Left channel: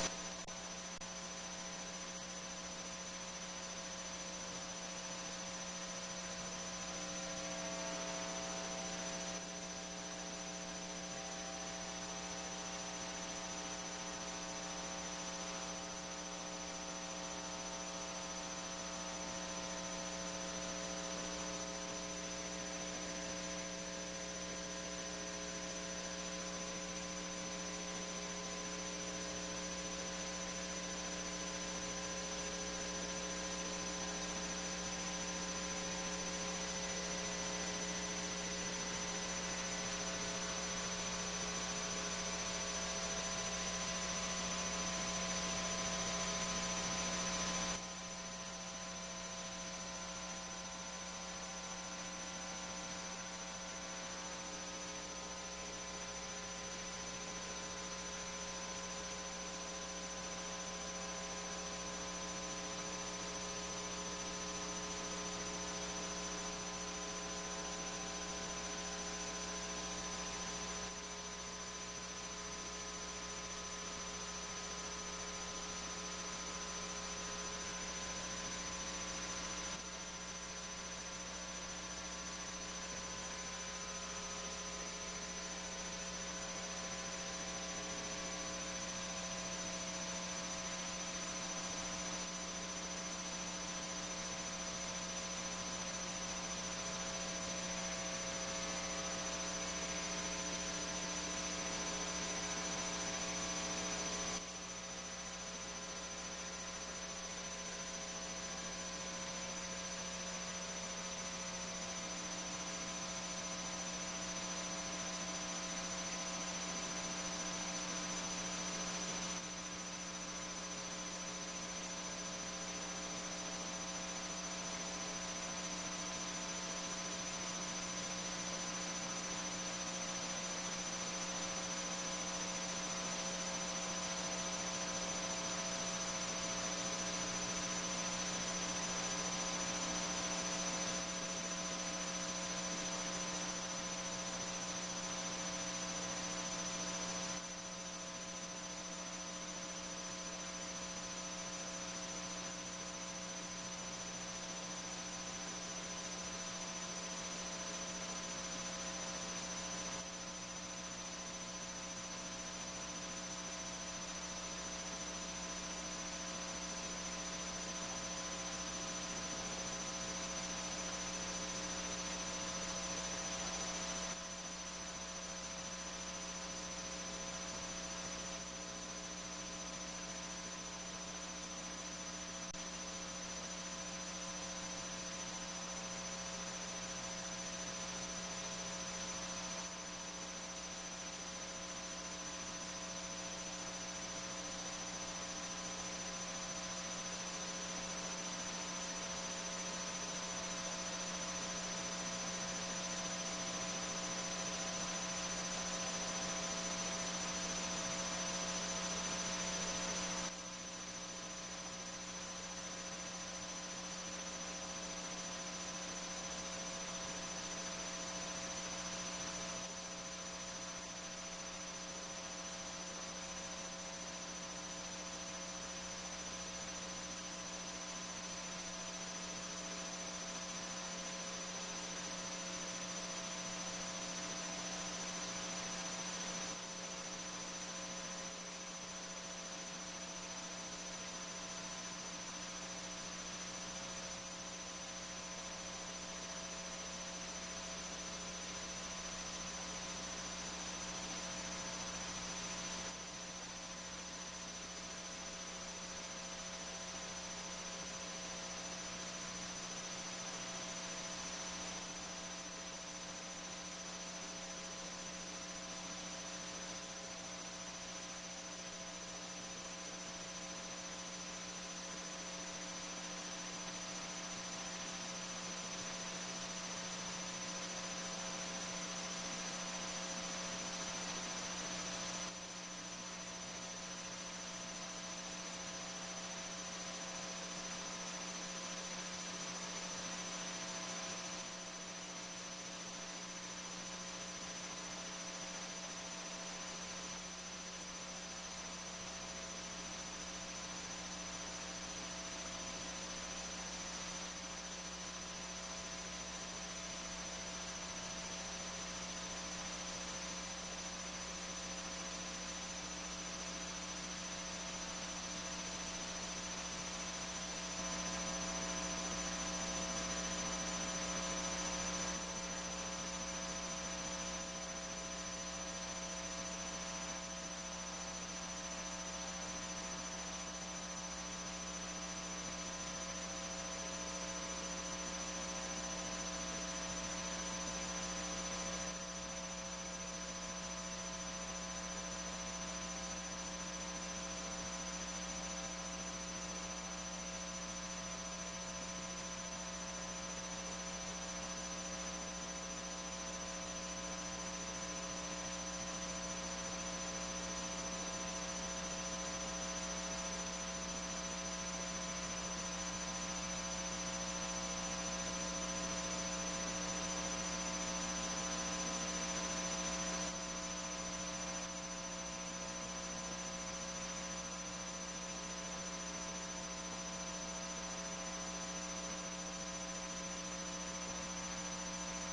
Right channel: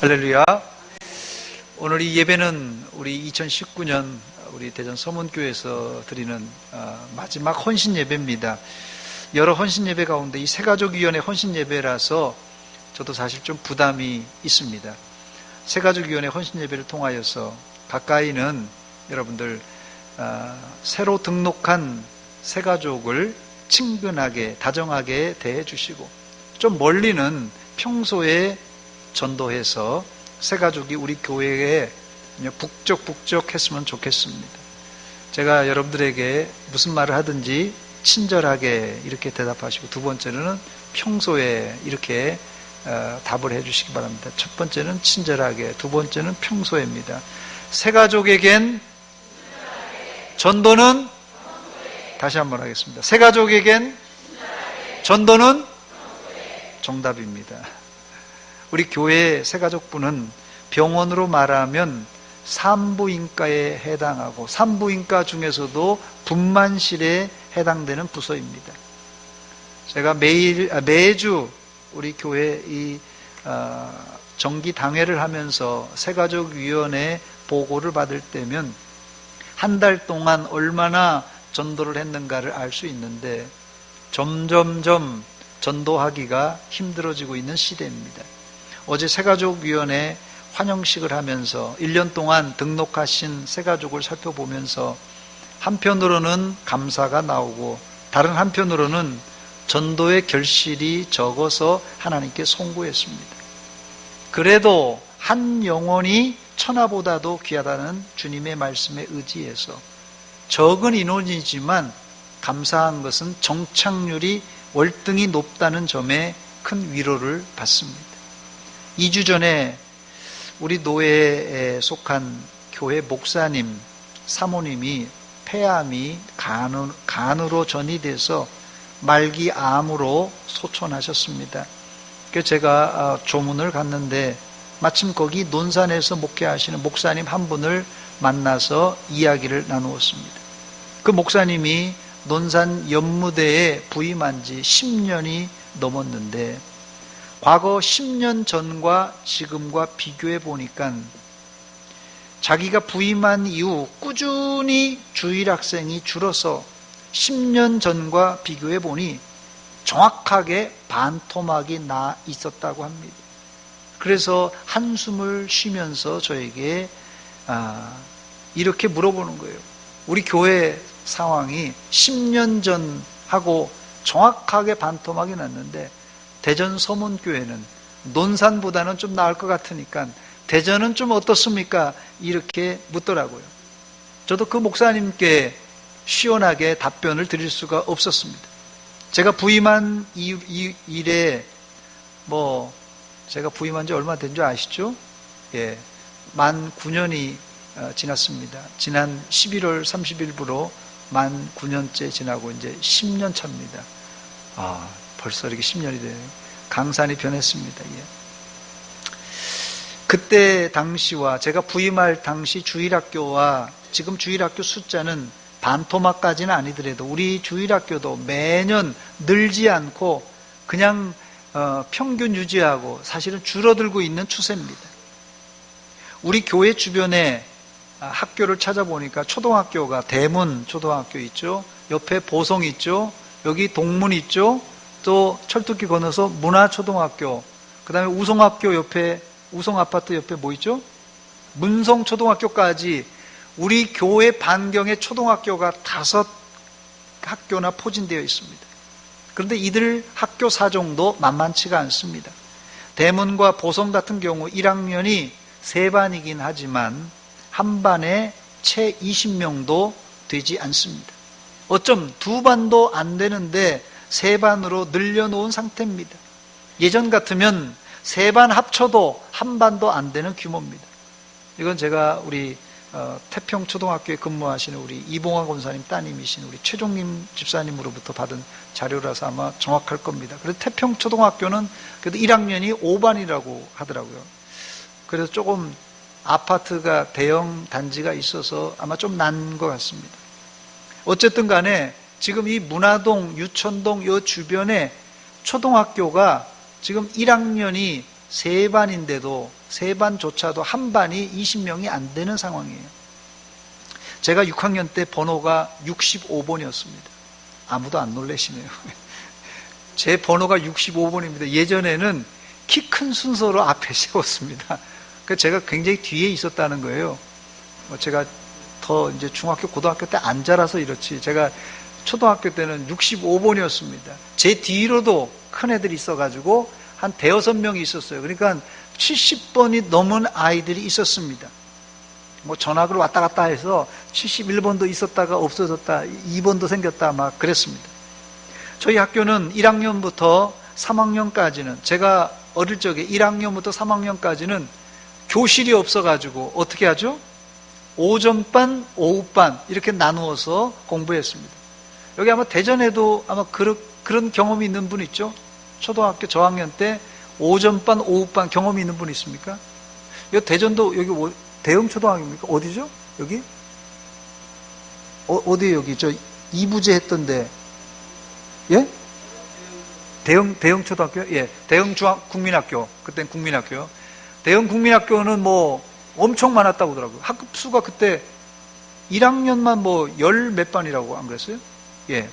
할렐루야. 오늘 이 예배는 우리 2019년 우리 대전 서문교회에서 드리는 마지막 헌신 예배입니다. 여러 헌신 예배 가운데 이 새가족위원회 헌신 예배라서 저도 사실 좀 부담이 있습니다. 새가족위원회 헌신 예배를 통하여서 가까이는 여러분들 새로 등록한 새가족을 친근하게 다정하게 대해 주시고, 좀 멀리는 평소에 전도해서 새가족이 우리 교회에 북적북적했으면 좋겠습니다. 제가 여러분들에게 무슨 말을 하든지 친절하게 이렇게 대답하시고, 두 번째는 평소에 이렇게 답을 해주시기 바랍니다. 첫 번째는 친절하게, 두 번째는 평소에입니다. 새가족에겐 전도는, 다시 한번 하겠습니다. 새가족에겐 전도는 정답입니다. 우리 교회 새가족부는 병원으로 말하면 산부인과에 해당하고, 산부인과 중에서도 분만실에 해당되는 부서입니다. 제가 매주 우리 교회 이 정기 당회를 하면서 새가족위원회 보고를 받을 때면 한 달 동안 얼마나 전도를 했는가를 알 수 있는데, 점점점 전도하기가 힘들어지고 있는 시대입니다. 어제 새가족위원회 환영식을 하면서 1년 동안 등록하신 새가족을 살펴보면서 한편으로는 감사가 나오고, 다른 한편으로는 전도의 결실이 적어서 하나님께 송구했습니다. 그래도 한 영혼이 천하보다도 귀하다는 주님의 말씀에 의지해서 적은 인원이지만 감사한 것은 정착률이 월등히 높다는 점에 큰 위로를 받습니다. 2주 전에 우리 노회에 속한 교회 목사님, 사모님이 폐암이 간으로 전이돼서 말기 암으로 소천하셨습니다. 그래서 제가 조문을 갔는데 마침 거기 논산에서 목회하시는 목사님 한 분을 만나서 이야기를 나누었습니다. 그 목사님이 논산 연무대에 부임한 지 10년이 넘었는데, 과거 10년 전과 지금과 비교해 보니까 자기가 부임한 이후 꾸준히 주일 학생이 줄어서 10년 전과 비교해 보니 정확하게 반토막이 나 있었다고 합니다. 그래서 한숨을 쉬면서 저에게 이렇게 물어보는 거예요. 우리 교회 상황이 10년 전하고 정확하게 반토막이 났는데, 대전 서문교회는 논산보다는 좀 나을 것 같으니까 대전은 좀 어떻습니까? 이렇게 묻더라고요. 저도 그 목사님께 시원하게 답변을 드릴 수가 없었습니다. 제가 부임한 일에 제가 부임한 지 얼마 된 줄 아시죠? 예, 만 9년이 지났습니다. 지난 11월 30일부로 만 9년째 지나고 이제 10년 차입니다. 벌써 이렇게 10년이 돼요. 강산이 변했습니다. 예. 그때 당시와 제가 부임할 당시 주일학교와 지금 주일학교 숫자는 반토막까지는 아니더라도 우리 주일학교도 매년 늘지 않고 그냥 평균 유지하고 사실은 줄어들고 있는 추세입니다. 우리 교회 주변에 학교를 찾아보니까 초등학교가 대문 초등학교 있죠, 옆에 보성 있죠, 여기 동문 있죠, 또 철도길 건너서 문화초등학교, 그 다음에 우성학교 옆에, 우성아파트 옆에 뭐 있죠? 문성초등학교까지 우리 교회 반경에 초등학교가 5 학교나 포진되어 있습니다. 그런데 이들 학교 사정도 만만치가 않습니다. 대문과 보성 같은 경우 1학년이 3반이긴 하지만 한 반에 채 20명도 되지 않습니다. 어쩜 2반도 안 되는데 3반으로 늘려놓은 상태입니다. 예전 같으면 3반 합쳐도 한 반도 안 되는 규모입니다. 이건 제가 우리 태평초등학교에 근무하시는 우리 이봉환 권사님 따님이신 우리 최종림 집사님으로부터 받은 자료라서 아마 정확할 겁니다. 그래서 태평초등학교는 그래도 1학년이 5반이라고 하더라고요. 그래서 조금 아파트가 대형 단지가 있어서 아마 좀 난 것 같습니다. 어쨌든 간에 지금 이 문화동, 유천동 이 주변에 초등학교가 지금 1학년이 3반인데도 세 반조차도 한 반이 20명이 안 되는 상황이에요. 제가 6학년 때 번호가 65번이었습니다. 아무도 안 놀라시네요. 제 번호가 65번입니다. 예전에는 키 큰 순서로 앞에 세웠습니다. 그래서 제가 굉장히 뒤에 있었다는 거예요. 제가 더 이제 중학교, 고등학교 때 안 자라서 이렇지. 제가 초등학교 때는 65번이었습니다. 제 뒤로도 큰 애들이 있어가지고 한 대여섯 명이 있었어요. 그러니까 70번이 넘은 아이들이 있었습니다. 뭐 전학을 왔다 갔다 해서 71번도 있었다가 없어졌다, 2번도 생겼다 막 그랬습니다. 저희 학교는 1학년부터 3학년까지는, 제가 어릴 적에 1학년부터 3학년까지는 교실이 없어가지고 어떻게 하죠? 오전반, 오후반 이렇게 나누어서 공부했습니다. 여기 아마 대전에도 아마 그런 경험이 있는 분 있죠? 초등학교 저학년 때 오전반, 오후반 경험이 있는 분 있습니까? 여기 대전도 여기 대형 초등학교입니까? 어디죠? 여기? 어디에요? 여기 저 이부제 했던데. 예? 대형 초등학교? 예. 대형 국민학교. 그땐 국민학교. 대형 국민학교는 뭐 엄청 많았다고 하더라고요. 학급 수가 그때 1학년만 뭐 열 몇 반이라고 안 그랬어요? 예.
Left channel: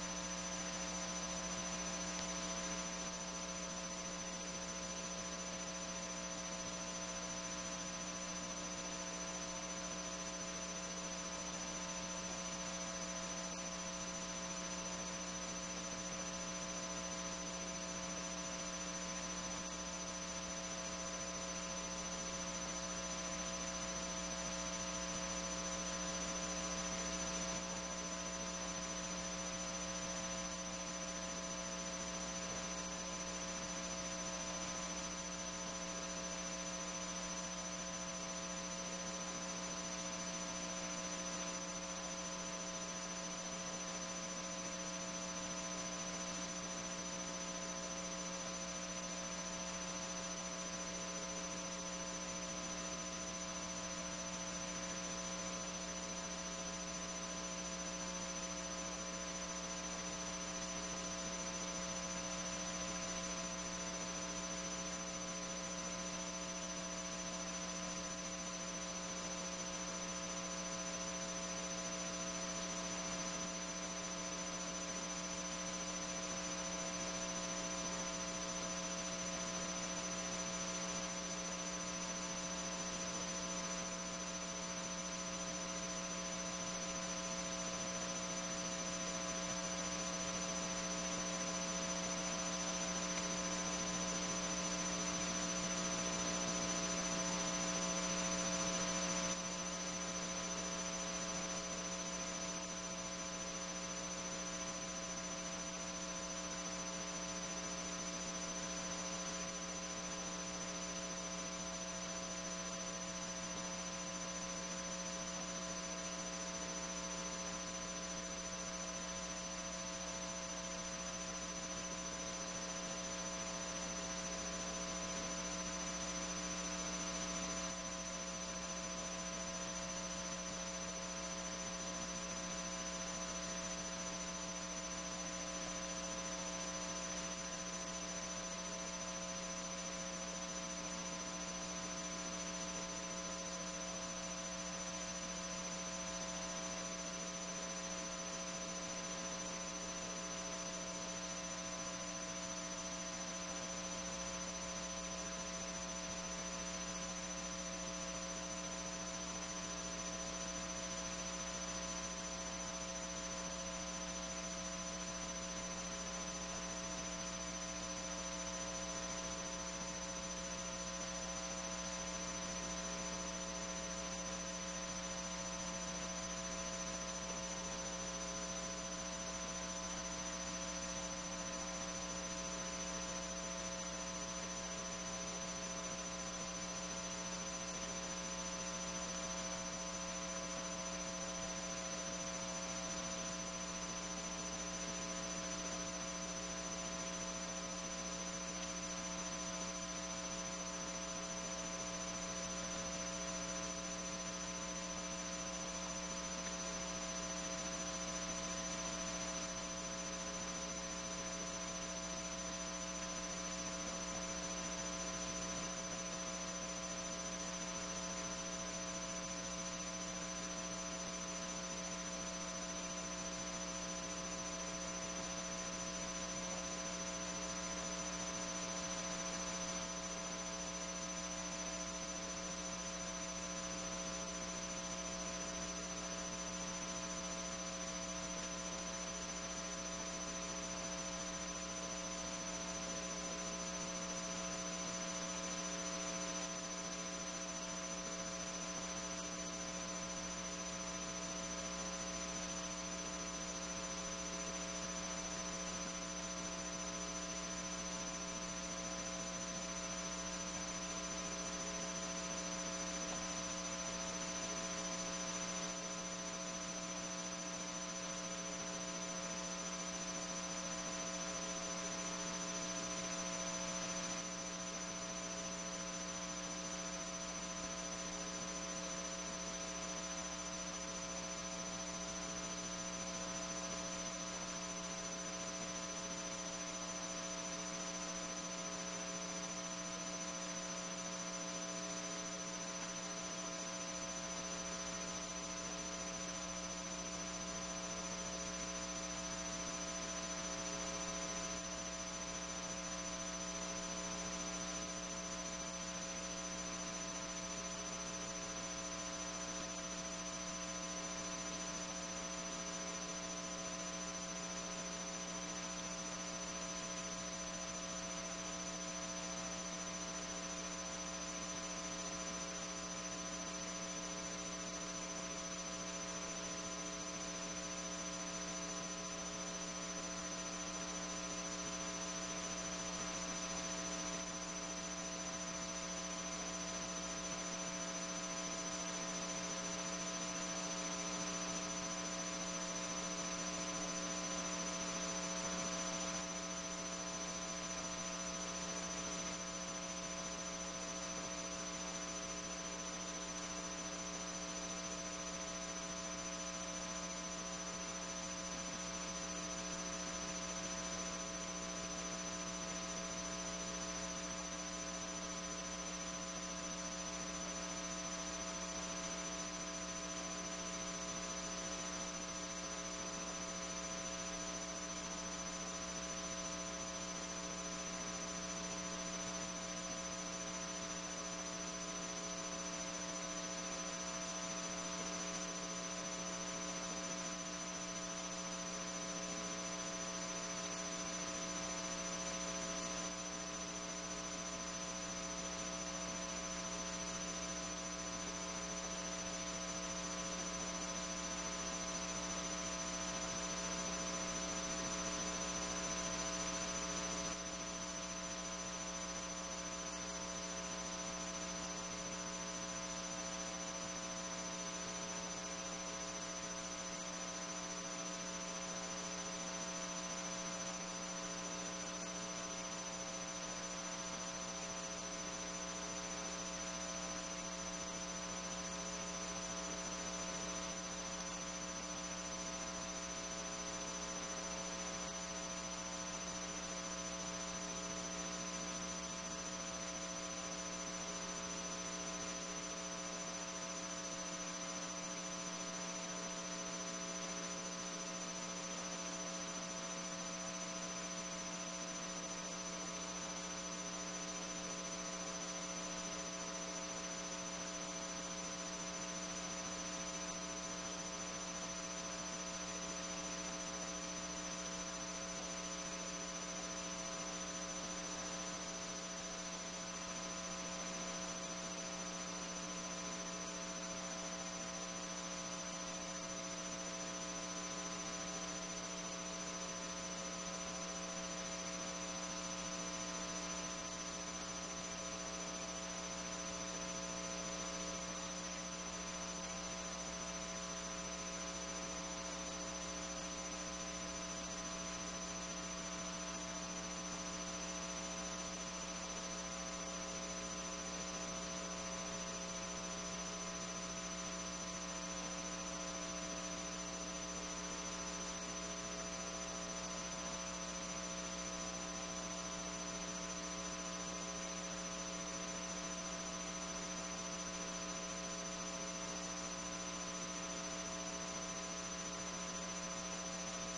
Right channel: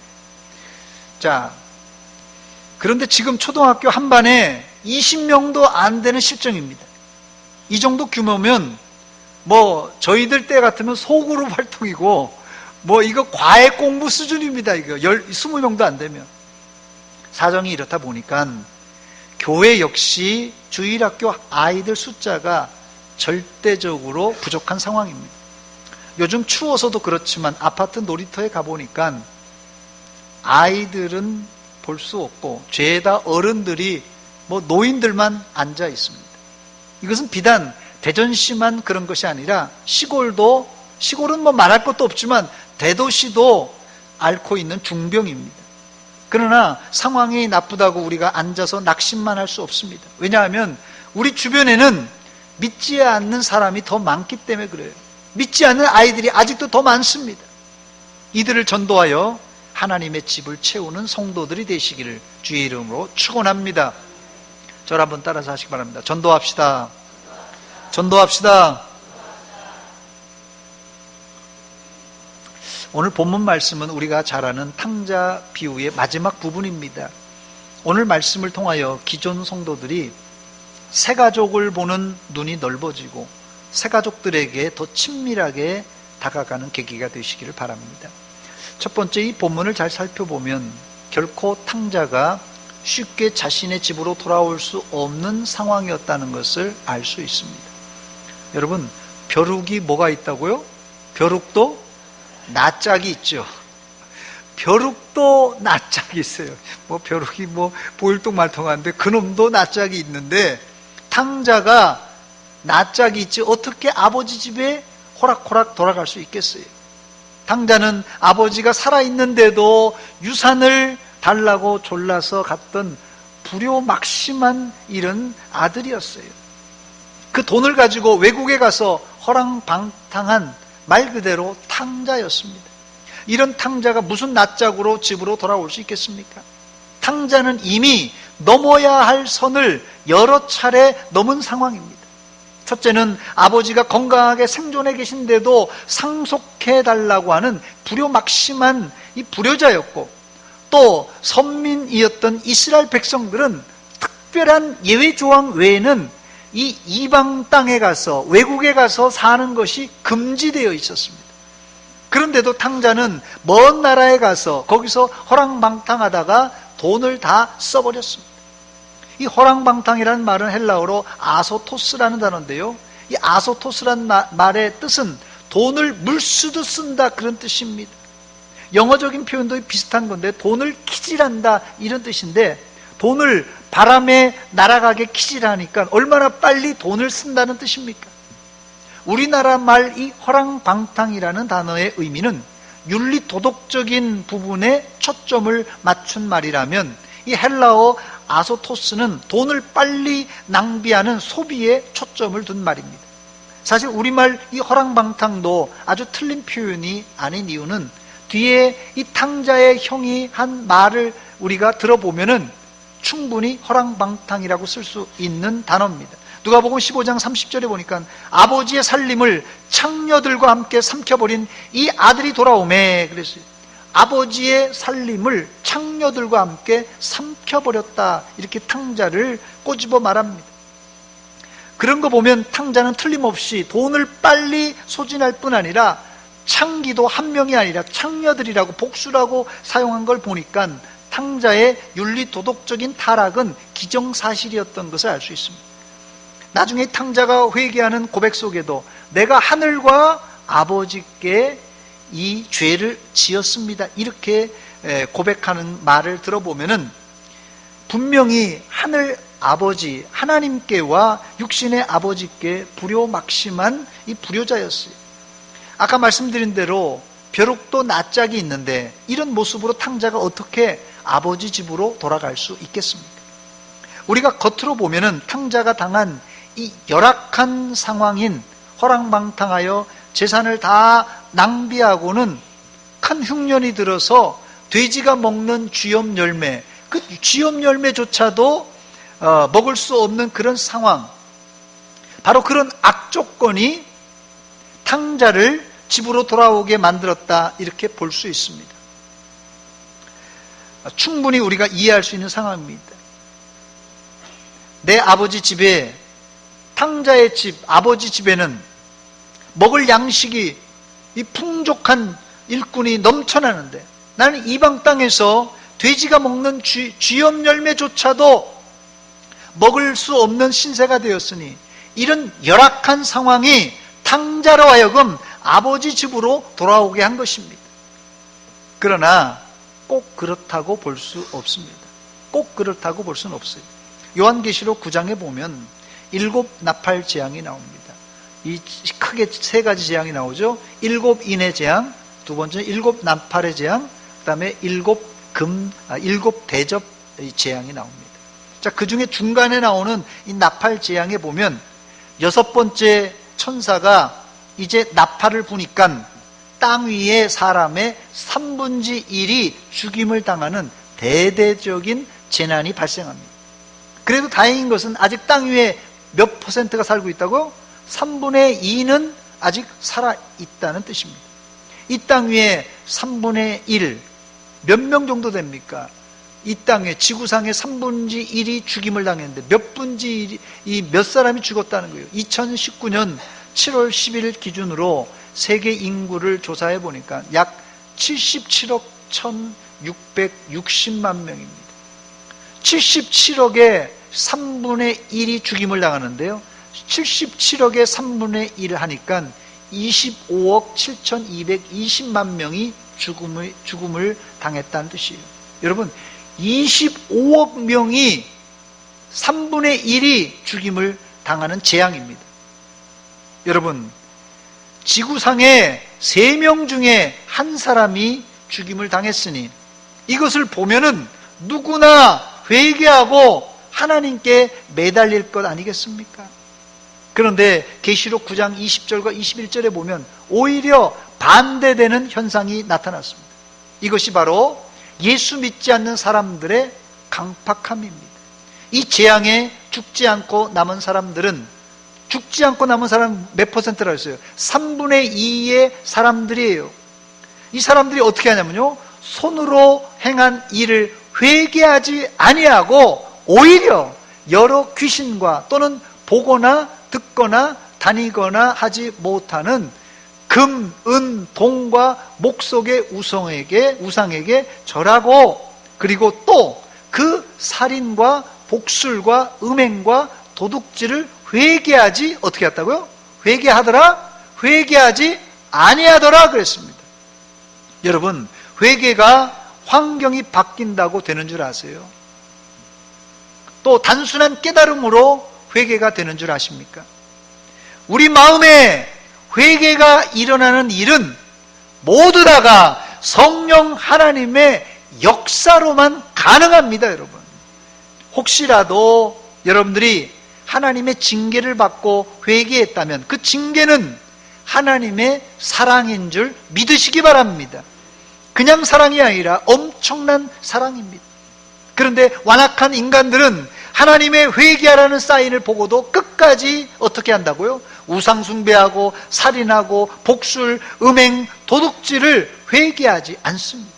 자, 그런데 지금 초등학교 한 반에 20명도 안 되는 실정입니다. 이 정도 규모면 뭐 저희들 때 같으면 소그룹 활동이고 뭐 이거 과외 공부 수준입니다. 이거 20명도 안 되면. 사정이 이렇다 보니까 교회 역시 주일학교 아이들 숫자가 절대적으로 부족한 상황입니다. 요즘 추워서도 그렇지만 아파트 놀이터에 가보니까 아이들은 볼 수 없고 죄다 어른들이 뭐 노인들만 앉아 있습니다. 이것은 비단 대전시만 그런 것이 아니라 시골은 뭐 말할 것도 없지만 대도시도 앓고 있는 중병입니다. 그러나 상황이 나쁘다고 우리가 앉아서 낙심만 할 수 없습니다. 왜냐하면 우리 주변에는 믿지 않는 사람이 더 많기 때문에 그래요. 믿지 않는 아이들이 아직도 더 많습니다. 이들을 전도하여 하나님의 집을 채우는 성도들이 되시기를 주의 이름으로 축원합니다. 저를 한번 따라서 하시기 바랍니다. 전도합시다. 전도합시다. 오늘 본문 말씀은 우리가 잘 아는 탕자 비유의 마지막 부분입니다. 오늘 말씀을 통하여 기존 성도들이 새가족을 보는 눈이 넓어지고 새가족들에게 더 친밀하게 다가가는 계기가 되시기를 바랍니다. 첫 번째, 이 본문을 잘 살펴보면 결코 탕자가 쉽게 자신의 집으로 돌아올 수 없는 상황이었다는 것을 알 수 있습니다. 여러분, 벼룩이 뭐가 있다고요? 벼룩도 낯짝이 있죠. 벼룩도 낯짝이 있어요. 뭐 벼룩이 뭐 보일통말통한데 그놈도 낯짝이 있는데 탕자가 낯짝이 있지 어떻게 아버지 집에 호락호락 돌아갈 수 있겠어요? 탕자는 아버지가 살아있는데도 유산을 달라고 졸라서 갔던 불효막심한 이런 아들이었어요. 그 돈을 가지고 외국에 가서 허랑방탕한 말 그대로 탕자였습니다. 이런 탕자가 무슨 낯짝으로 집으로 돌아올 수 있겠습니까? 탕자는 이미 넘어야 할 선을 여러 차례 넘은 상황입니다. 첫째는 아버지가 건강하게 생존해 계신데도 상속해달라고 하는 불효막심한 이 불효자였고, 또 선민이었던 이스라엘 백성들은 특별한 예외 조항 외에는 이 이방 땅에 가서 외국에 가서 사는 것이 금지되어 있었습니다. 그런데도 탕자는 먼 나라에 가서 거기서 허랑방탕하다가 돈을 다 써버렸습니다. 이 허랑방탕이라는 말은 헬라어로 아소토스라는 단어인데요, 이 아소토스라는 말의 뜻은 돈을 물쓰듯 쓴다, 그런 뜻입니다. 영어적인 표현도 비슷한 건데 돈을 키질한다, 이런 뜻인데, 돈을 바람에 날아가게 키질하니까 얼마나 빨리 돈을 쓴다는 뜻입니까? 우리나라 말 이 허랑방탕이라는 단어의 의미는 윤리 도덕적인 부분에 초점을 맞춘 말이라면, 이 헬라어 아소토스는 돈을 빨리 낭비하는 소비에 초점을 둔 말입니다. 사실 우리말 이 허랑방탕도 아주 틀린 표현이 아닌 이유는 뒤에 이 탕자의 형이 한 말을 우리가 들어보면은 충분히 허랑방탕이라고 쓸 수 있는 단어입니다. 누가복음 15장 30절에 보니까 아버지의 살림을 창녀들과 함께 삼켜버린 이 아들이 돌아오매 그랬어요. 아버지의 살림을 창녀들과 함께 삼켜버렸다, 이렇게 탕자를 꼬집어 말합니다. 그런 거 보면 탕자는 틀림없이 돈을 빨리 소진할 뿐 아니라 창기도 한 명이 아니라 창녀들이라고 복수라고 사용한 걸 보니까 탕자의 윤리 도덕적인 타락은 기정사실이었던 것을 알 수 있습니다. 나중에 탕자가 회개하는 고백 속에도 내가 하늘과 아버지께 이 죄를 지었습니다, 이렇게 고백하는 말을 들어보면은 분명히 하늘 아버지 하나님께와 육신의 아버지께 불효막심한 이 불효자였어요. 아까 말씀드린 대로 벼룩도 낯짝이 있는데 이런 모습으로 탕자가 어떻게 아버지 집으로 돌아갈 수 있겠습니까? 우리가 겉으로 보면은 탕자가 당한 이 열악한 상황인 허랑방탕하여 재산을 다 낭비하고는 큰 흉년이 들어서 돼지가 먹는 쥐염 열매, 그 쥐염 열매조차도 먹을 수 없는 그런 상황, 바로 그런 악조건이 탕자를 집으로 돌아오게 만들었다, 이렇게 볼 수 있습니다. 충분히 우리가 이해할 수 있는 상황입니다. 내 아버지 집에, 탕자의 집, 아버지 집에는 먹을 양식이 이 풍족한 일꾼이 넘쳐나는데 나는 이방 땅에서 돼지가 먹는 쥐염 열매조차도 먹을 수 없는 신세가 되었으니 이런 열악한 상황이 탕자로 하여금 아버지 집으로 돌아오게 한 것입니다. 그러나 꼭 그렇다고 볼 수 없습니다. 꼭 그렇다고 볼 수는 없어요. 요한계시록 9장에 보면 7 나팔 재앙이 나옵니다. 이 크게 3가지 재앙이 나오죠. 7 인의 재앙, 두 번째 7 나팔의 재앙, 그 다음에 7 대접 재앙이 나옵니다. 자, 그 중에 중간에 나오는 이 나팔 재앙에 보면 6번째 천사가 이제 나팔을 부니까 땅 위의 사람의 3분의 1이 죽임을 당하는 대대적인 재난이 발생합니다. 그래도 다행인 것은 아직 땅 위에 몇 %가 살고 있다고? 3분의 2는 아직 살아있다는 뜻입니다. 이 땅 위에 3분의 1, 몇 명 정도 됩니까? 이 땅에 지구상의 3분의 1이 죽임을 당했는데 몇 분의 1이 몇 사람이 죽었다는 거예요. 2019년 7월 10일 기준으로 세계 인구를 조사해 보니까 약 77억 1660만 명입니다. 77억의 3분의 1이 죽임을 당하는데요, 77억의 3분의 1 하니까 25억 7220만 명이 죽음을 당했다는 뜻이에요. 여러분, 25억 명이 3분의 1이 죽임을 당하는 재앙입니다. 여러분, 지구상에 3명 중에 한 사람이 죽임을 당했으니 이것을 보면은 누구나 회개하고 하나님께 매달릴 것 아니겠습니까? 그런데 계시록 9장 20절과 21절에 보면 오히려 반대되는 현상이 나타났습니다. 이것이 바로 예수 믿지 않는 사람들의 강팍함입니다. 이 재앙에 죽지 않고 남은 사람들은, 죽지 않고 남은 사람 몇 %라고 했어요? 3분의 2의 사람들이에요. 이 사람들이 어떻게 하냐면요, 손으로 행한 일을 회개하지 아니하고 오히려 여러 귀신과 또는 보거나 듣거나 다니거나 하지 못하는 금, 은, 동과 목석의 우상에게 절하고, 그리고 또 그 살인과 복술과 음행과 도둑질을 회개하지, 어떻게 했다고요? 회개하더라? 회개하지 아니하더라 그랬습니다. 여러분, 회개가 환경이 바뀐다고 되는 줄 아세요? 또 단순한 깨달음으로 회개가 되는 줄 아십니까? 우리 마음에 회개가 일어나는 일은 모두 다가 성령 하나님의 역사로만 가능합니다, 여러분. 혹시라도 여러분들이 하나님의 징계를 받고 회개했다면 그 징계는 하나님의 사랑인 줄 믿으시기 바랍니다. 그냥 사랑이 아니라 엄청난 사랑입니다. 그런데 완악한 인간들은 하나님의 회개하라는 사인을 보고도 끝까지 어떻게 한다고요? 우상 숭배하고 살인하고 복술, 음행, 도둑질을 회개하지 않습니다.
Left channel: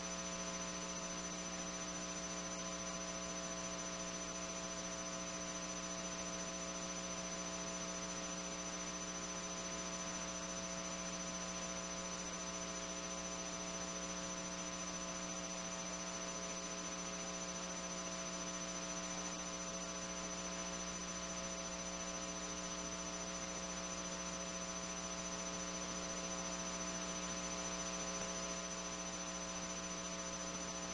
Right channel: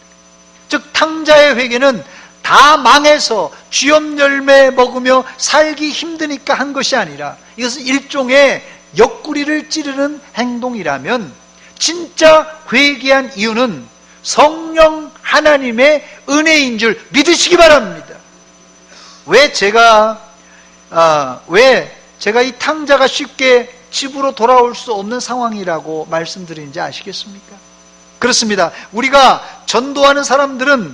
즉 탕자의 회개는 다 망해서 쥐염 열매 먹으며 살기 힘드니까 한 것이 아니라 이것은 일종의 옆구리를 찌르는 행동이라면, 진짜 회개한 이유는 성령 하나님의 은혜인 줄 믿으시기 바랍니다. 왜 제가 이 탕자가 쉽게 집으로 돌아올 수 없는 상황이라고 말씀드리는지 아시겠습니까? 그렇습니다. 우리가 전도하는 사람들은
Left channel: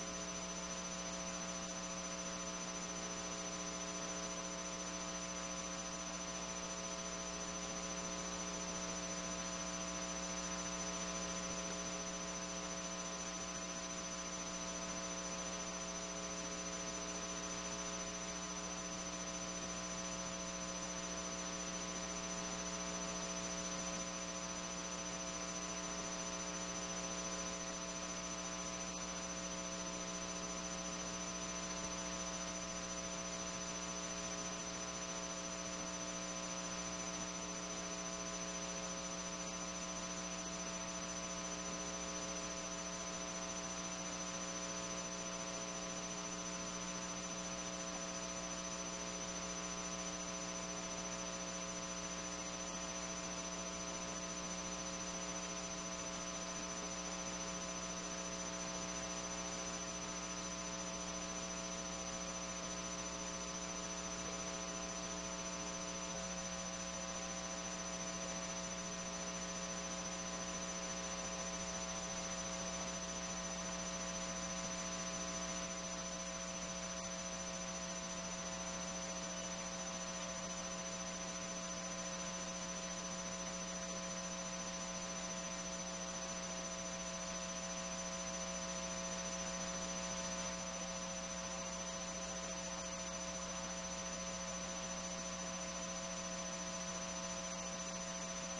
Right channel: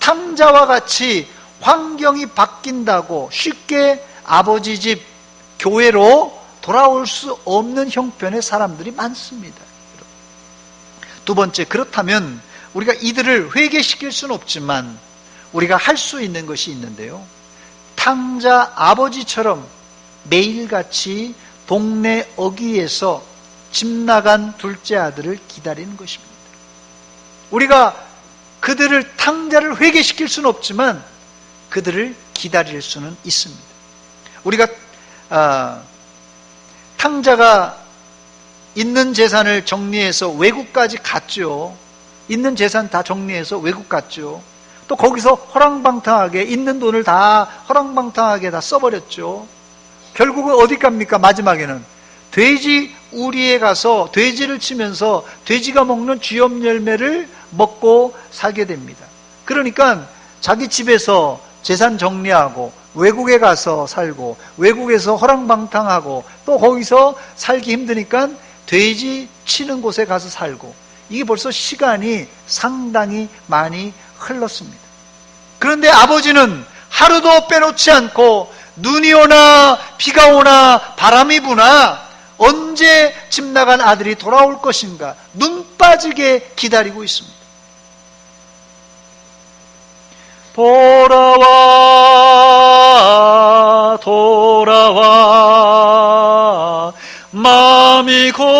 탕자와 같이 환경이 바뀐다고 쉽게 아버지 집 교회로 돌아올 수 없는 형편의 사람들이 많습니다. 두 번째, 그렇다면 우리가 이들을 회개시킬 수는 없지만 우리가 할 수 있는 것이 있는데요, 탕자 아버지처럼 매일같이 동네 어귀에서 집 나간 둘째 아들을 기다리는 것입니다. 우리가 그들을, 탕자를 회개시킬 수는 없지만 그들을 기다릴 수는 있습니다. 우리가 탕자가 있는 재산을 정리해서 외국까지 갔죠. 있는 재산 다 정리해서 외국 갔죠. 또 거기서 허랑방탕하게 있는 돈을 다 허랑방탕하게 다 써버렸죠. 결국은 어디 갑니까? 마지막에는 돼지 우리에 가서 돼지를 치면서 돼지가 먹는 쥐염 열매를 먹고 살게 됩니다. 그러니까 자기 집에서 재산 정리하고 외국에 가서 살고 외국에서 허랑방탕하고 또 거기서 살기 힘드니까 돼지 치는 곳에 가서 살고, 이게 벌써 시간이 상당히 많이 흘렀습니다. 그런데 아버지는 하루도 빼놓지 않고 눈이 오나 비가 오나 바람이 부나 언제 집 나간 아들이 돌아올 것인가 눈 빠지게 기다리고 있습니다. 돌아와 돌아와 마음이 고난이여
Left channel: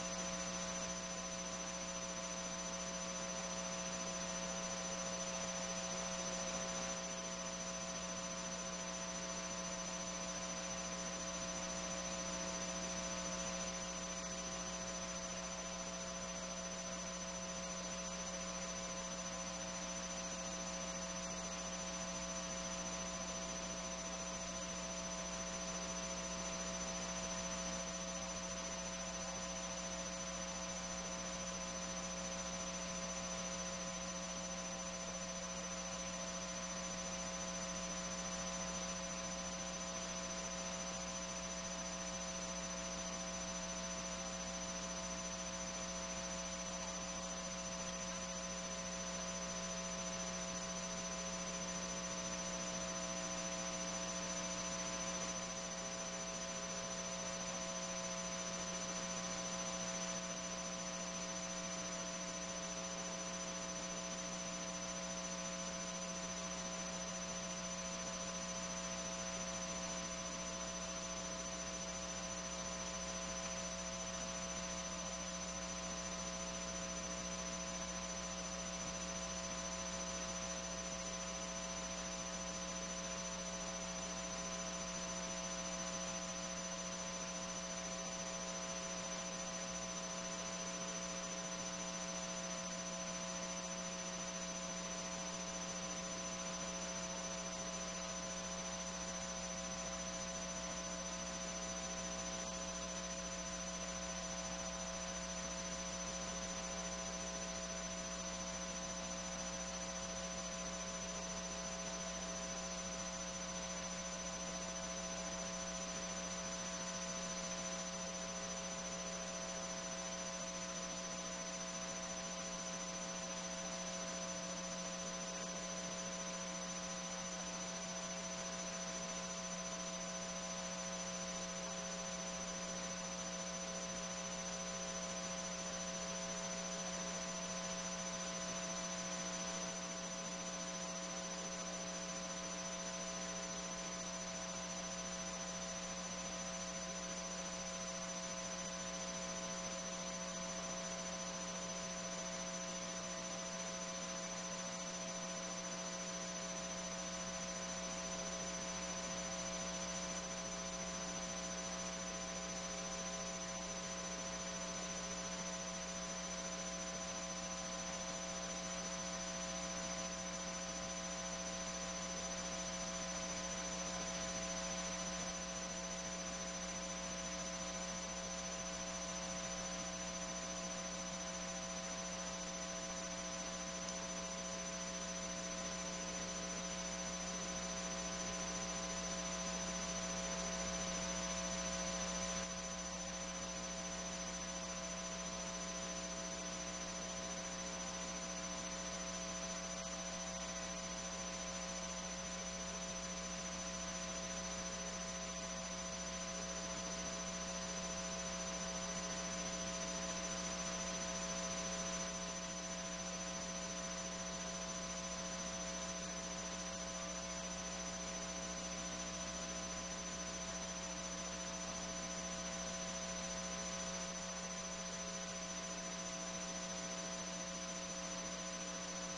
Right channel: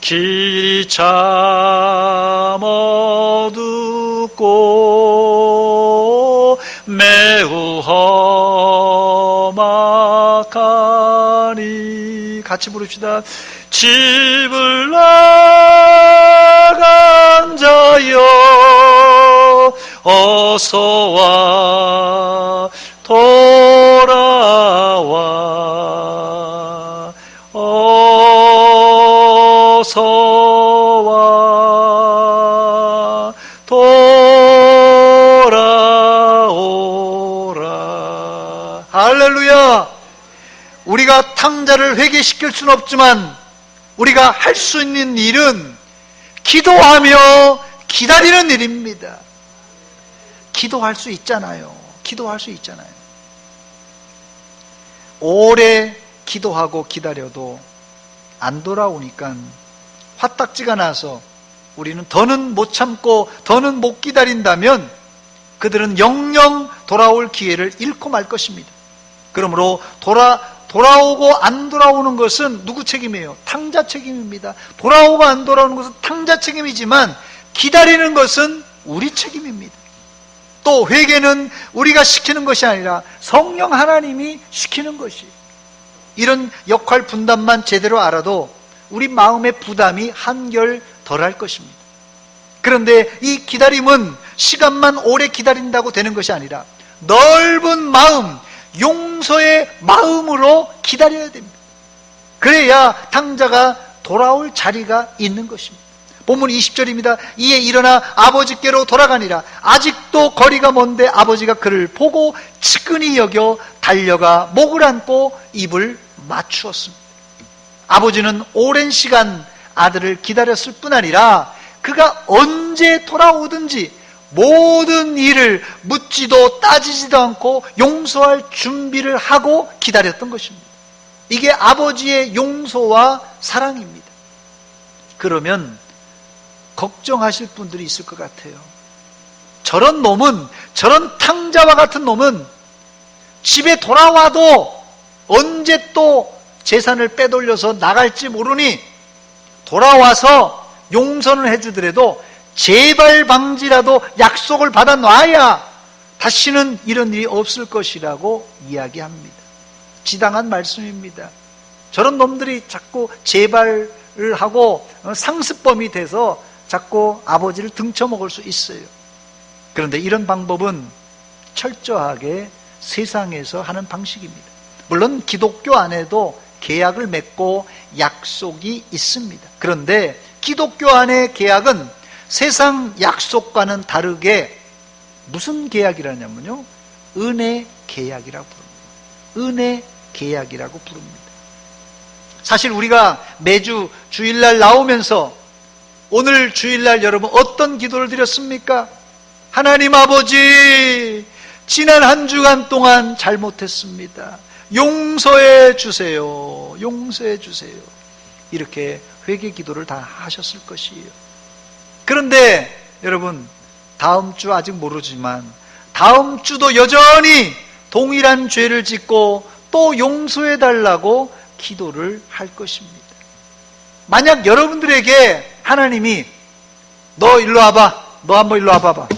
길이 참 어둡고 매우 험악하니, 같이 부릅시다. 집을 나간 자여 어서와 돌아와 어서와 돌아오라. 할렐루야. 우리가 탕자를 회개시킬 수는 없지만 우리가 할 수 있는 일은 기도하며 기다리는 일입니다. 기도할 수 있잖아요. 기도할 수 있잖아요. 오래 기도하고 기다려도 안 돌아오니까 화딱지가 나서 우리는 더는 못 참고 더는 못 기다린다면 그들은 영영 돌아올 기회를 잃고 말 것입니다. 그러므로 돌아오고 안 돌아오는 것은 누구 책임이에요? 탕자 책임입니다. 돌아오고 안 돌아오는 것은 탕자 책임이지만 기다리는 것은 우리 책임입니다. 또 회개는 우리가 시키는 것이 아니라 성령 하나님이 시키는 것이에요. 이런 역할 분담만 제대로 알아도 우리 마음의 부담이 한결 덜할 것입니다. 그런데 이 기다림은 시간만 오래 기다린다고 되는 것이 아니라 넓은 마음, 용서의 마음으로 기다려야 됩니다. 그래야 탕자가 돌아올 자리가 있는 것입니다. 본문 20절입니다. 이에 일어나 아버지께로 돌아가니라. 아직도 거리가 먼데 아버지가 그를 보고 측은히 여겨 달려가 목을 안고 입을 맞추었습니다. 아버지는 오랜 시간 아들을 기다렸을 뿐 아니라 그가 언제 돌아오든지 모든 일을 묻지도 따지지도 않고 용서할 준비를 하고 기다렸던 것입니다. 이게 아버지의 용서와 사랑입니다. 그러면 걱정하실 분들이 있을 것 같아요. 저런 놈은, 저런 탕자와 같은 놈은 집에 돌아와도 언제 또 재산을 빼돌려서 나갈지 모르니 돌아와서 용서는 해주더라도 재발 방지라도 약속을 받아 놔야 다시는 이런 일이 없을 것이라고 이야기합니다. 지당한 말씀입니다. 저런 놈들이 자꾸 재발을 하고 상습범이 돼서 자꾸 아버지를 등쳐먹을 수 있어요. 그런데 이런 방법은 철저하게 세상에서 하는 방식입니다. 물론 기독교 안에도 계약을 맺고 약속이 있습니다. 그런데 기독교 안의 계약은 세상 약속과는 다르게 무슨 계약이라냐면요, 은혜 계약이라고 부릅니다. 은혜 계약이라고 부릅니다. 사실 우리가 매주 주일날 나오면서 오늘 주일날 여러분 어떤 기도를 드렸습니까? 하나님 아버지, 지난 한 주간 동안 잘못했습니다. 용서해 주세요. 용서해 주세요. 이렇게 회개 기도를 다 하셨을 것이에요. 그런데 여러분, 다음 주 아직 모르지만 다음 주도 여전히 동일한 죄를 짓고 또 용서해 달라고 기도를 할 것입니다. 만약 여러분들에게 하나님이 너 일로 와봐, 너 한번 일로 와봐봐,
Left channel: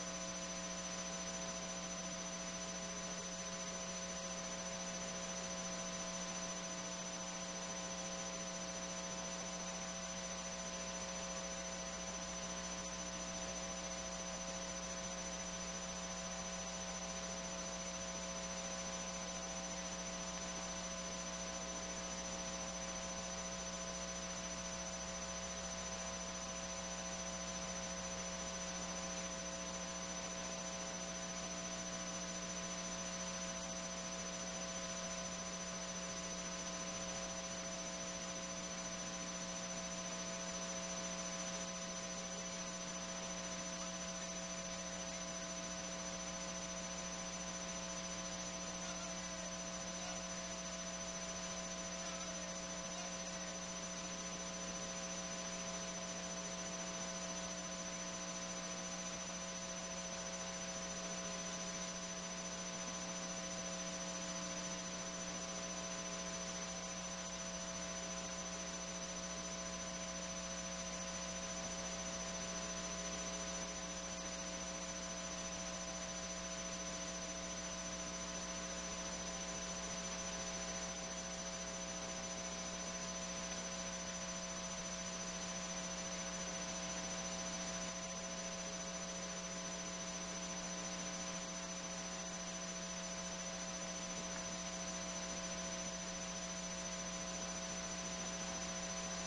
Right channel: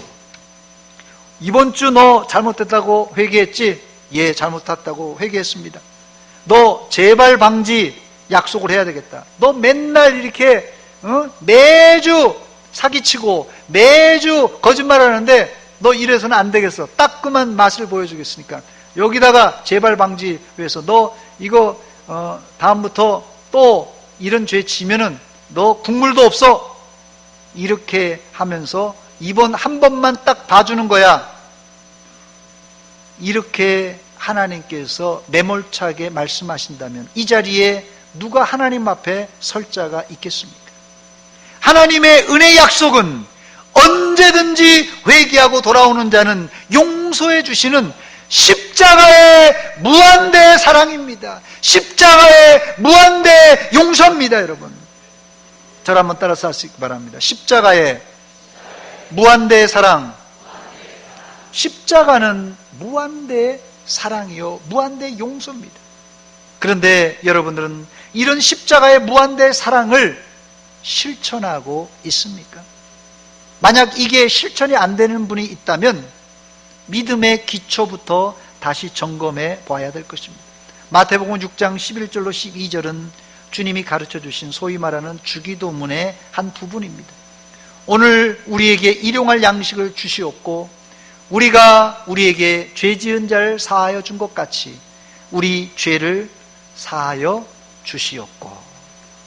이번 주 너 잘못했다고 회개했지? 예, 잘못했다고 회개했습니다. 너 재발 방지 약속을 해야 되겠다. 너 맨날 이렇게 매주 사기치고 매주 거짓말하는데 너 이래서는 안 되겠어. 따끔한 맛을 보여주겠으니까 여기다가 재발 방지 위해서 너 이거 다음부터 또 이런 죄 지면은 너 국물도 없어. 이렇게 하면서 이번 한 번만 딱 봐주는 거야. 이렇게 하나님께서 매몰차게 말씀하신다면 이 자리에 누가 하나님 앞에 설 자가 있겠습니까? 하나님의 은혜 약속은 언제든지 회개하고 돌아오는 자는 용서해 주시는 십자가의 무한대 사랑입니다. 십자가의 무한대 용서입니다. 여러분, 저를 한번 따라서 하시기 바랍니다. 십자가의 무한대 사랑. 십자가는 무한대 사랑이요 무한대 용서입니다. 그런데 여러분들은 이런 십자가의 무한대 사랑을 실천하고 있습니까? 만약 이게 실천이 안 되는 분이 있다면 믿음의 기초부터 다시 점검해 봐야 될 것입니다. 마태복음 6장 11절로 12절은 주님이 가르쳐 주신 소위 말하는 주기도문의 한 부분입니다. 오늘 우리에게 일용할 양식을 주시옵고 우리가 우리에게 죄 지은 자를 사하여 준 것 같이 우리 죄를 사하여 주시옵고,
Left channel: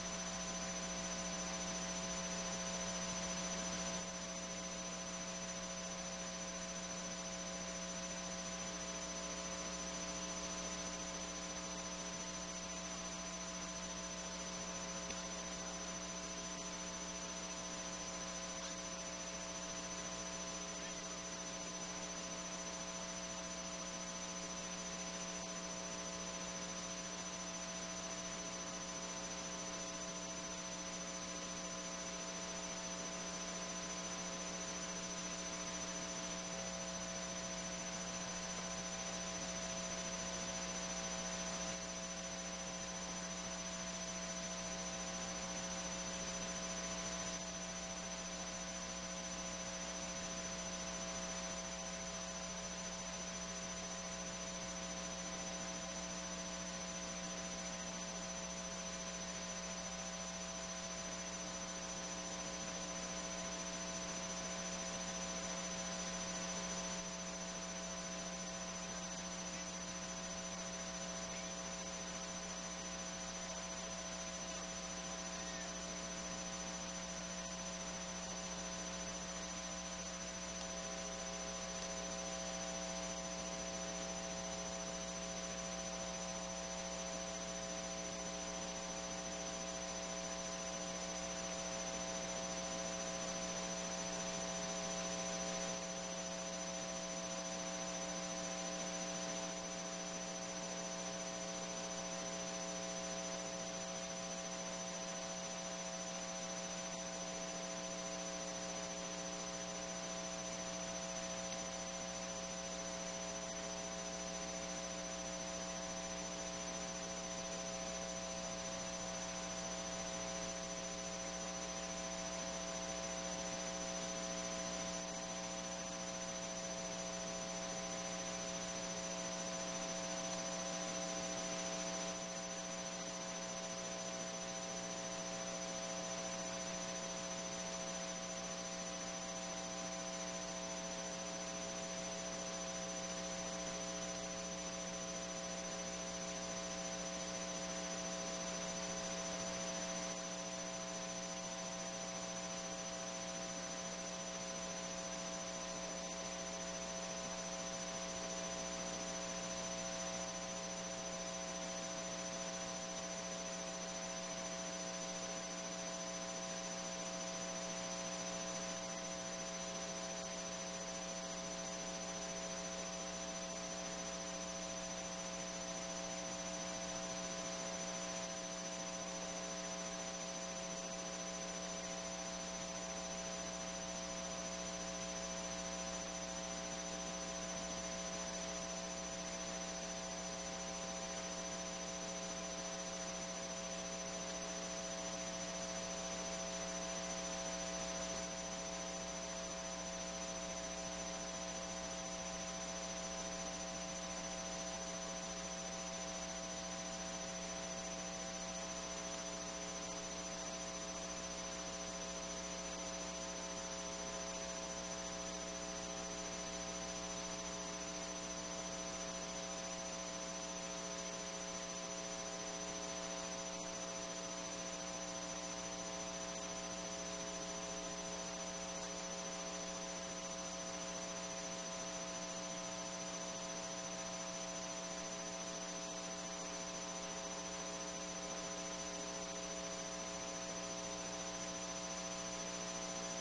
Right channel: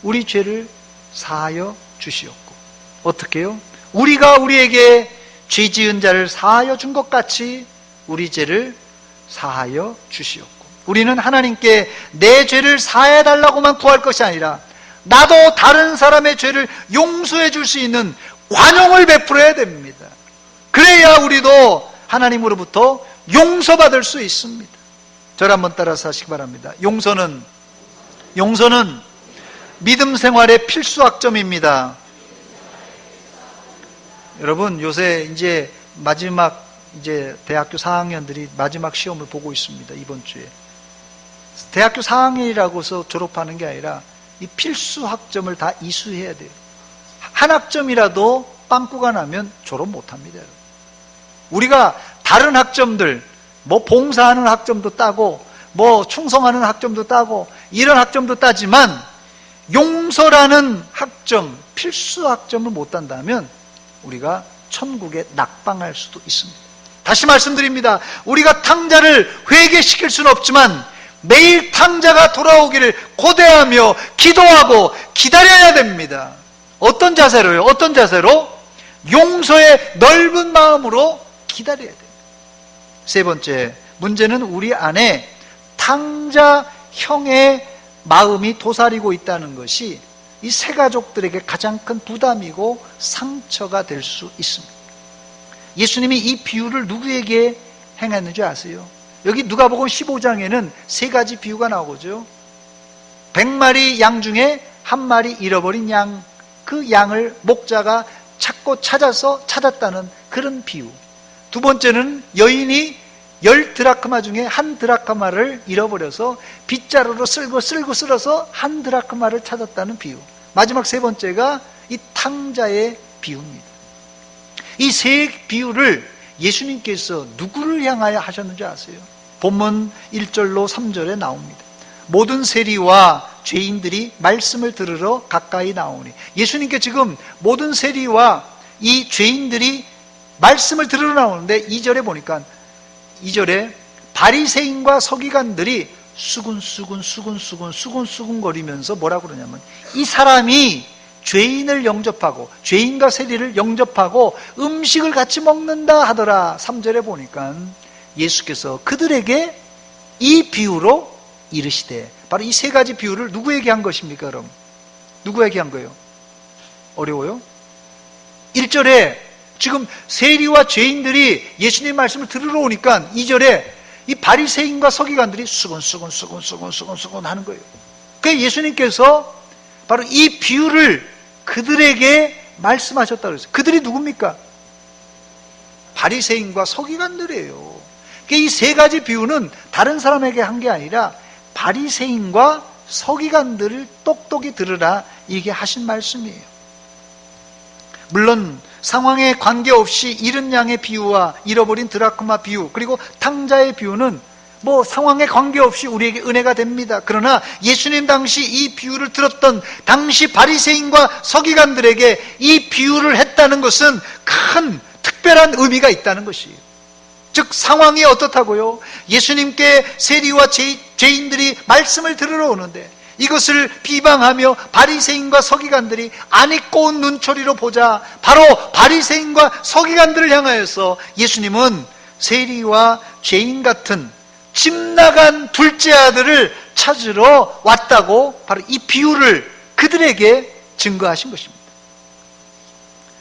우리 죄를 사하여 주시옵고. 어떻게요? 우리가 우리에게 죄 지은 자를 사하여 준 것 같이 우리 죄를 사하여 주시옵고. 우리는 하나님께 내 죄를 사해 달라고만 구할 것이 아니라 나도 다른 사람의 죄를 용서해 줄 수 있는 관용을 베풀어야 됩니다. 그래야 우리도 하나님으로부터 용서받을 수 있습니다. 저를 한번 따라서 하시기 바랍니다. 용서는 믿음 생활의 필수 학점입니다. 여러분, 요새 이제 마지막 대학교 4학년들이 마지막 시험을 보고 있습니다. 이번 주에. 대학교 4학년이라고 해서 졸업하는 게 아니라 이 필수 학점을 다 이수해야 돼요. 한 학점이라도 빵꾸가 나면 졸업 못합니다. 우리가 다른 학점들, 뭐 봉사하는 학점도 따고 뭐 충성하는 학점도 따고 이런 학점도 따지만 용서라는 학점, 필수 학점을 못 딴다면 우리가 천국에 낙방할 수도 있습니다. 다시 말씀드립니다. 우리가 탕자를 회개시킬 수는 없지만 매일 탕자가 돌아오기를 고대하며 기도하고 기다려야 됩니다. 어떤 자세로요? 어떤 자세로? 용서의 넓은 마음으로 기다려야 됩니다. 세 번째, 문제는 우리 안에 탕자형의 마음이 도사리고 있다는 것이 이 세 가족들에게 가장 큰 부담이고 상처가 될 수 있습니다. 예수님이 이 비유를 누구에게 행했는지 아세요? 여기 누가복음 15장에는 세 가지 비유가 나오죠. 100마리 양 중에 한 마리 잃어버린 양, 그 양을 목자가 찾고 찾았다는 그런 비유. 두 번째는 여인이 10드라크마 중에 한 드라크마를 잃어버려서 빗자루로 쓸고 쓸어서 한 드라크마를 찾았다는 비유. 마지막 세 번째가 이 탕자의 비유입니다. 이 세 비유를 예수님께서 누구를 향하여 하셨는지 아세요? 본문 1절로 3절에 나옵니다. 모든 세리와 죄인들이 말씀을 들으러 가까이 나오니, 예수님께 지금 모든 세리와 이 죄인들이 말씀을 들으러 나오는데 2절에 보니까 2절에 바리새인과 서기관들이 수근수근 거리면서 뭐라고 그러냐면, 이 사람이 죄인을 영접하고 죄인과 세리를 영접하고 음식을 같이 먹는다 하더라. 3절에 보니까 예수께서 그들에게 이 비유로 이르시되, 바로 이 세 가지 비유를 누구에게 한 것입니까? 그럼 누구에게 한 거예요? 어려워요? 1절에 지금 세리와 죄인들이 예수님 말씀을 들으러 오니까 2절에 이 바리새인과 서기관들이 수근수근 하는 거예요. 그래서 예수님께서 바로 이 비유를 그들에게 말씀하셨다고 했어요. 그들이 누굽니까? 바리새인과 서기관들이에요. 이 세 가지 비유는 다른 사람에게 한 게 아니라 바리새인과 서기관들을 똑똑히 들으라, 이게 하신 말씀이에요. 물론 상황에 관계없이 잃은 양의 비유와 잃어버린 드라크마 비유, 그리고 탕자의 비유는 뭐 상황에 관계없이 우리에게 은혜가 됩니다. 그러나 예수님 당시 이 비유를 들었던 당시 바리새인과 서기관들에게 이 비유를 했다는 것은 큰 특별한 의미가 있다는 것이에요. 즉 상황이 어떻다고요? 예수님께 세리와 죄인들이 말씀을 들으러 오는데 이것을 비방하며 바리새인과 서기관들이 안 잊고 온 눈초리로 보자, 바로 바리새인과 서기관들을 향하여서 예수님은 세리와 죄인 같은 집 나간 둘째 아들을 찾으러 왔다고 바로 이 비유를 그들에게 증거하신 것입니다.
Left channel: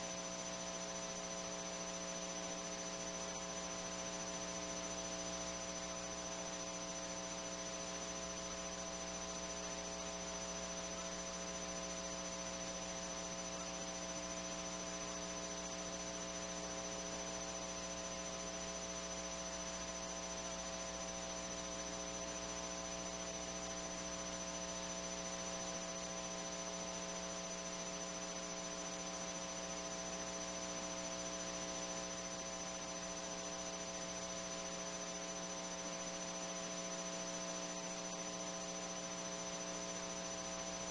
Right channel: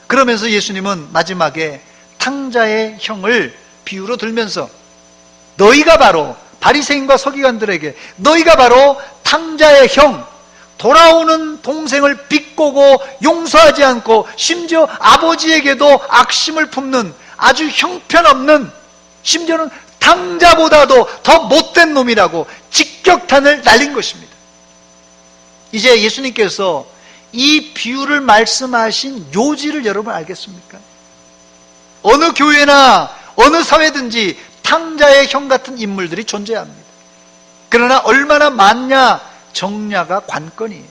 그러면서 예수님은 마지막에 탕자의 형을 비유로 들면서, 너희가 바로 바리새인과 서기관들에게 너희가 바로 탕자의 형, 돌아오는 동생을 비꼬고 용서하지 않고 심지어 아버지에게도 악심을 품는 아주 형편없는, 심지어는 탕자보다도 더 못된 놈이라고 직격탄을 날린 것입니다. 이제 예수님께서 이 비유를 말씀하신 요지를 여러분 알겠습니까? 어느 교회나 어느 사회든지 탕자의 형 같은 인물들이 존재합니다. 그러나 얼마나 많냐, 적냐가 관건이에요.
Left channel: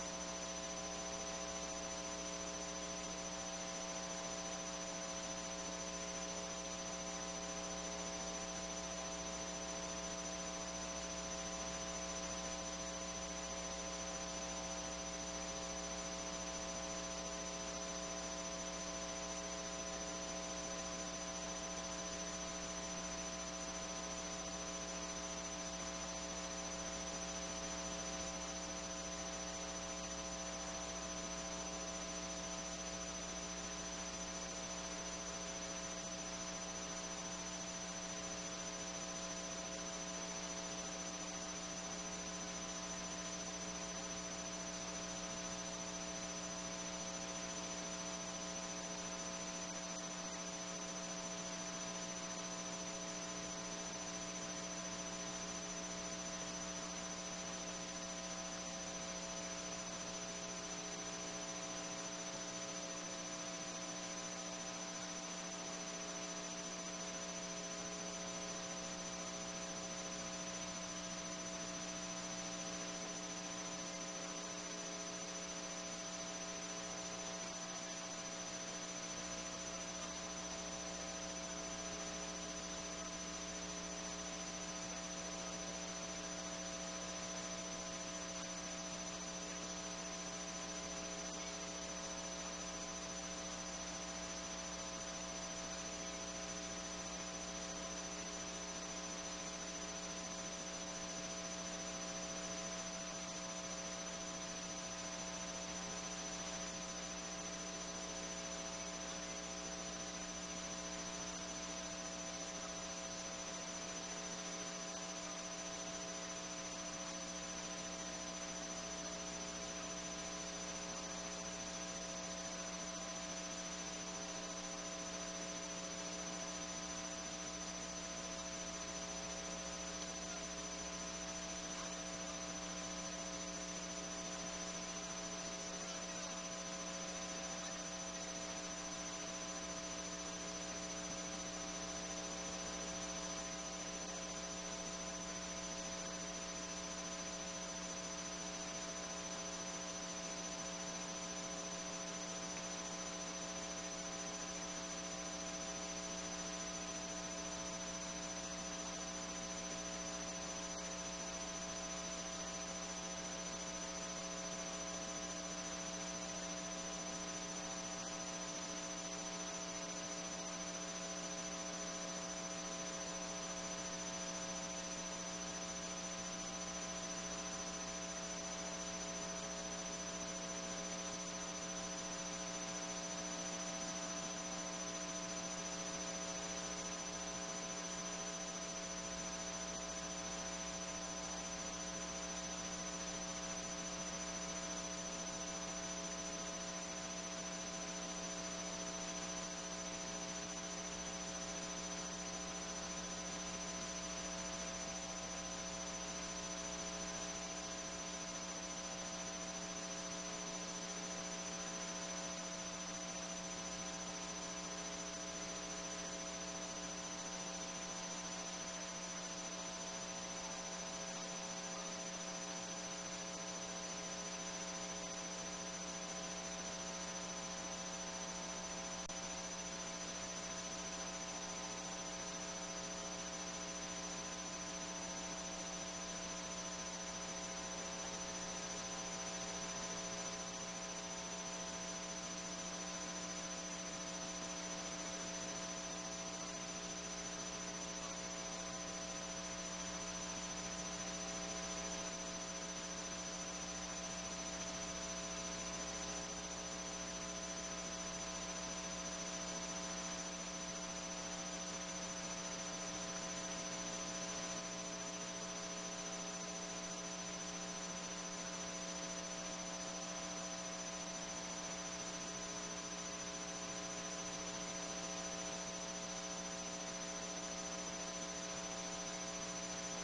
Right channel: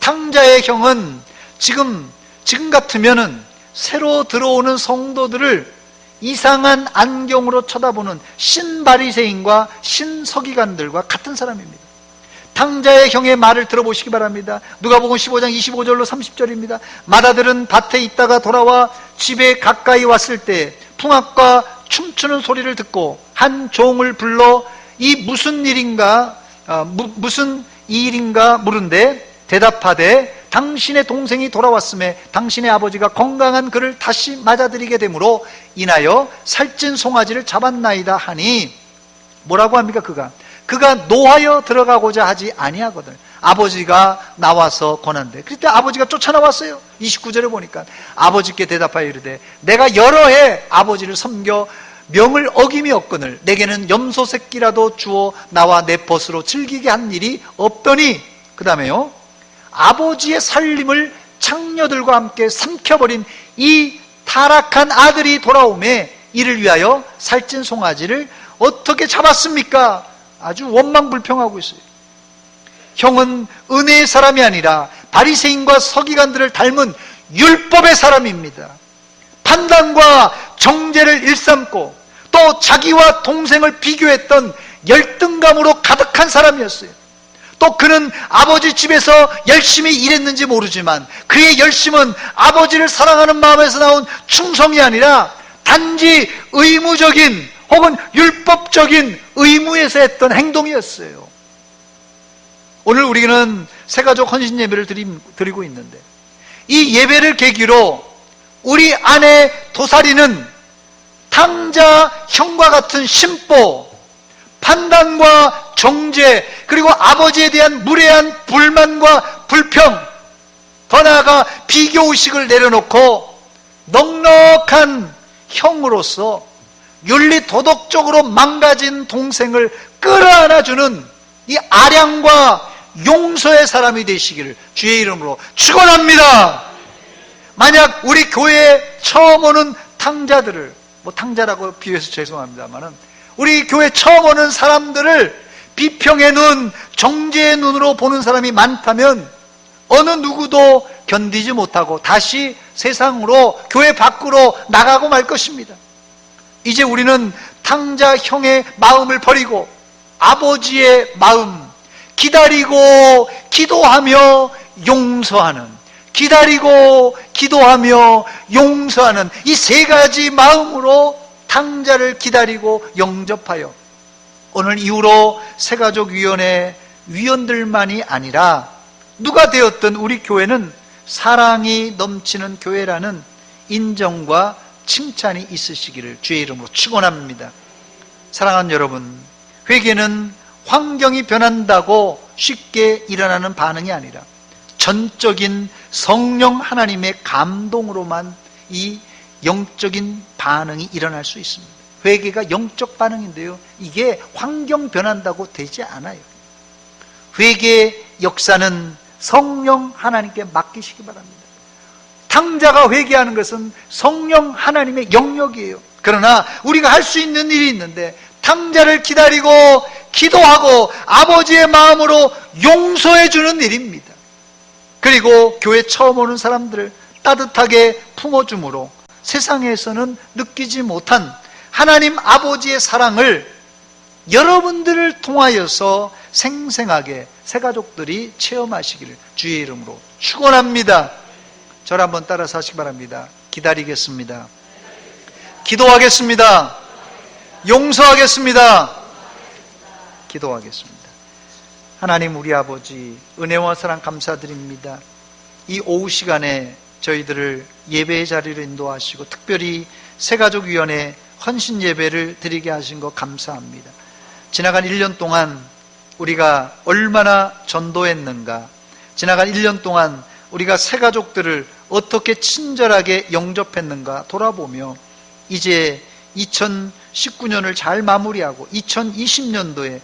탕자의 형은 지금 같으면은 새로 들어오는 성도들을 이상한 안경으로 쳐다보는 신바리새인과 신서기관들과 같은 사람입니다. 탕자의 형의 말을 들어보시기 바랍니다. 누가복음 15장 25절로 30절입니다. 맏아들은 밭에 있다가 돌아와 집에 가까이 왔을 때 풍악과 춤추는 소리를 듣고 한 종을 불러 이 무슨 일인가 물은데 대답하되 당신의 동생이 돌아왔음에 당신의 아버지가 건강한 그를 다시 맞아들이게 되므로 인하여 살찐 송아지를 잡았나이다 하니, 뭐라고 합니까? 그가 노하여 들어가고자 하지 아니하거든. 아버지가 나와서 권한대. 그때 아버지가 쫓아나왔어요. 29절에 보니까 아버지께 대답하여 이르되 내가 여러 해 아버지를 섬겨 명을 어김이 없거늘 내게는 염소 새끼라도 주어 나와 내 벗으로 즐기게 한 일이 없더니, 그 다음에요, 아버지의 살림을 창녀들과 함께 삼켜버린 이 타락한 아들이 돌아오매 이를 위하여 살찐 송아지를 어떻게 잡았습니까? 아주 원망불평하고 있어요. 형은 은혜의 사람이 아니라 바리새인과 서기관들을 닮은 율법의 사람입니다. 판단과 정죄를 일삼고 또 자기와 동생을 비교했던 열등감으로 가득한 사람이었어요. 또 그는 아버지 집에서 열심히 일했는지 모르지만 그의 열심은 아버지를 사랑하는 마음에서 나온 충성이 아니라 단지 의무적인 혹은 율법적인 의무에서 했던 행동이었어요. 오늘 우리는 새가족 헌신 예배를 드리고 있는데 이 예배를 계기로 우리 안에 도사리는 탕자 형과 같은 심보, 판단과 정죄, 그리고 아버지에 대한 무례한 불만과 불평, 더 나아가 비교의식을 내려놓고 넉넉한 형으로서 윤리 도덕적으로 망가진 동생을 끌어안아주는 이 아량과 용서의 사람이 되시기를 주의 이름으로 축원합니다. 만약 우리 교회에 처음 오는 탕자들을, 탕자라고 비유해서 죄송합니다만은, 우리 교회 처음 오는 사람들을 비평의 눈, 정죄의 눈으로 보는 사람이 많다면 어느 누구도 견디지 못하고 다시 세상으로, 교회 밖으로 나가고 말 것입니다. 이제 우리는 탕자형의 마음을 버리고 아버지의 마음, 기다리고 기도하며 용서하는, 기다리고 기도하며 용서하는 이 세 가지 마음으로 탕자를 기다리고 영접하여, 오늘 이후로 새가족위원회 위원들만이 아니라 누가 되었든 우리 교회는 사랑이 넘치는 교회라는 인정과 칭찬이 있으시기를 주의 이름으로 축원합니다. 사랑하는 여러분, 회개는 환경이 변한다고 쉽게 일어나는 반응이 아니라 전적인 성령 하나님의 감동으로만 이 영적인 반응이 일어날 수 있습니다. 회개가 영적 반응인데요, 이게 환경 변한다고 되지 않아요. 회개의 역사는 성령 하나님께 맡기시기 바랍니다. 탕자가 회개하는 것은 성령 하나님의 영역이에요. 그러나 우리가 할 수 있는 일이 있는데, 탕자를 기다리고 기도하고 아버지의 마음으로 용서해 주는 일입니다. 그리고 교회 처음 오는 사람들을 따뜻하게 품어줌으로 세상에서는 느끼지 못한 하나님 아버지의 사랑을 여러분들을 통하여서 생생하게 새가족들이 체험하시기를 주의 이름으로 축원합니다. 저를 한번 따라서 하시기 바랍니다. 기다리겠습니다. 기도하겠습니다. 용서하겠습니다. 기도하겠습니다. 하나님 우리 아버지, 은혜와 사랑 감사드립니다. 이 오후 시간에 저희들을 예배의 자리로 인도하시고 특별히 새가족위원회 헌신 예배를 드리게 하신 것 감사합니다. 지나간 1년 동안 우리가 얼마나 전도했는가, 지나간 1년 동안 우리가 새가족들을 어떻게 친절하게 영접했는가 돌아보며 이제 2019년을 잘 마무리하고 2020년도에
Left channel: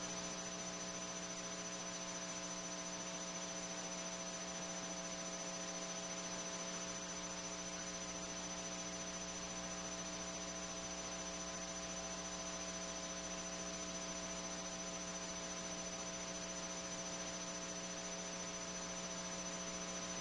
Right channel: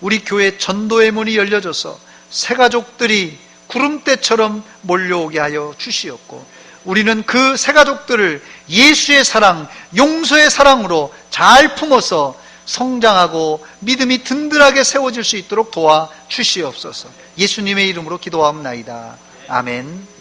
우리 교회 전도의 문이 열려져서 새가족들이 구름대처럼 몰려오게 하여 주시었고, 우리는 그 새가족들을 예수의 사랑, 용서의 사랑으로 잘 품어서 성장하고 믿음이 든든하게 세워질 수 있도록 도와 주시옵소서. 예수님의 이름으로 기도하옵나이다. 아멘.